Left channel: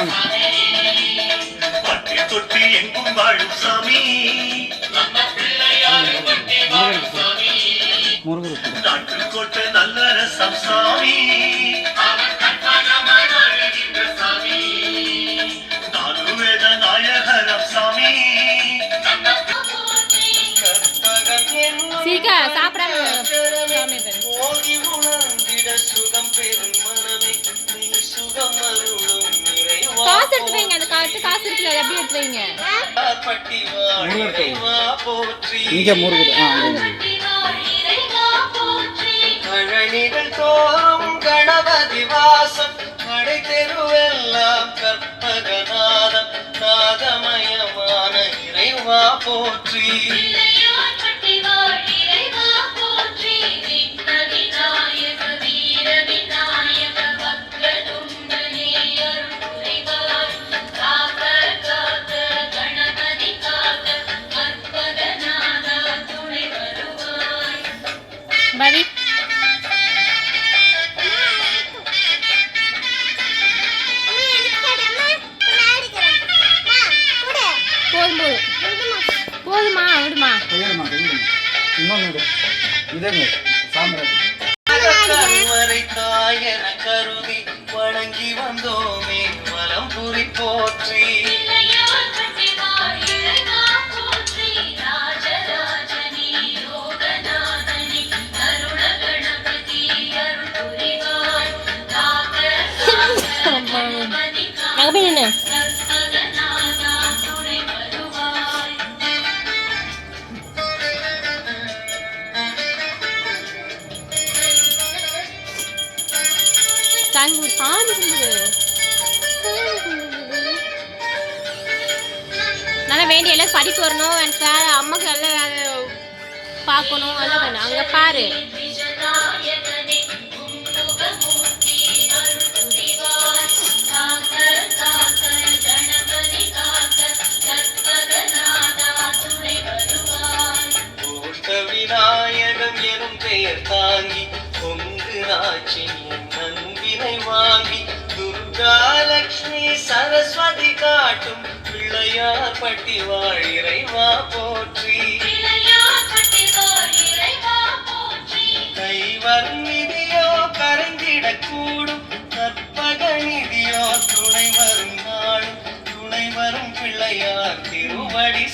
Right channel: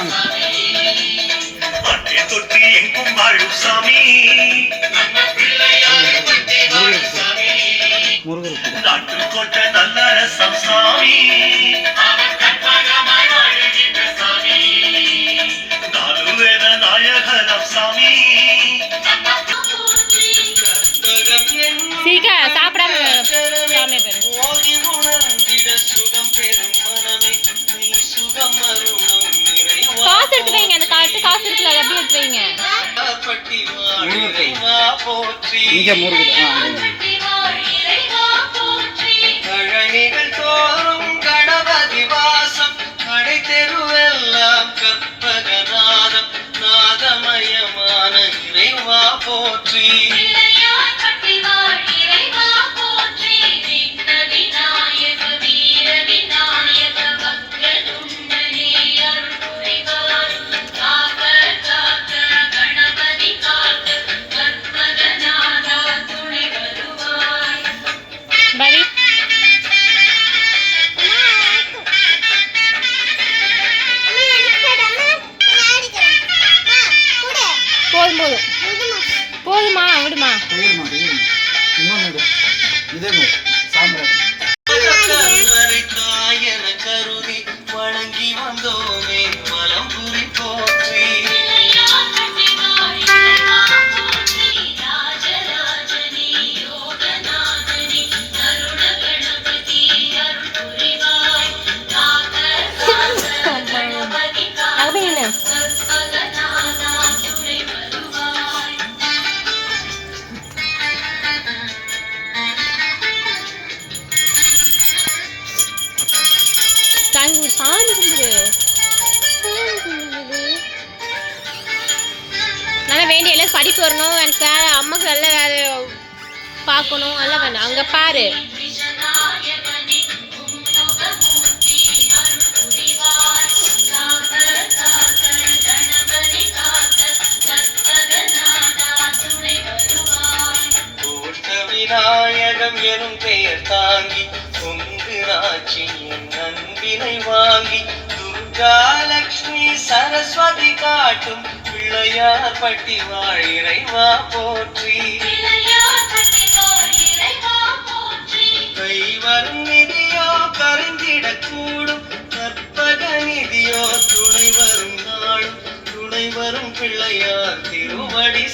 வாங்க. தொட்டி எங்கும் வாழும் சாமி நாட்டுக்கோட்டை நல்ல ரசம் சாமி நாலு வேத நாயகரம் சாமி சீக்கா சாப்பிடாம சாமி பேரு ஓதி உணர்ந்திட சுகம் பெறும் மனமே நீ சுகம் அருளும் நிறைவா காசு எடுத்து வைங்க. அந்த காசு இருக்குல்ல அதை அப்படியே எடுத்து வைங்க. இங்க முருகுது. கழனிகள் தோறும் கணபதி வாசம் கடை தெருவெல்லாம் கற்பகநாதம் நாதமயமான இறைவா போற்றி பவி போதுமா விடுமா இன்னொன்று இதே சாம்ராஜ் தாயன கருதி வணங்கி வந்தோமே மலம் புரி போற்றி சாமி கும்பிடு. நல்லா வேண்டிய எல்லாம் படிப்பு வரணும். எனக்கு வேலை அம்மாவுக்கு நல்ல வேலை பார்க்கணும். எல்லாம் வேணும். அங்கே பாரு விநாயகம் எனும் பெயர் தாங்கி பொங்கு நாச்சி நன்பினை வாங்கி துர்கா லக்ஷ்மி சரஸ்வதி காட்டும் பிள்ளையார் பட்டி வாழிறைவா போற்றி கைவரும் நிதியோ கரைந்திடக்கூடும் கற்பக நிதியோ துணை வரும் நாளும் துணை வரும் பிள்ளையார் திருவடி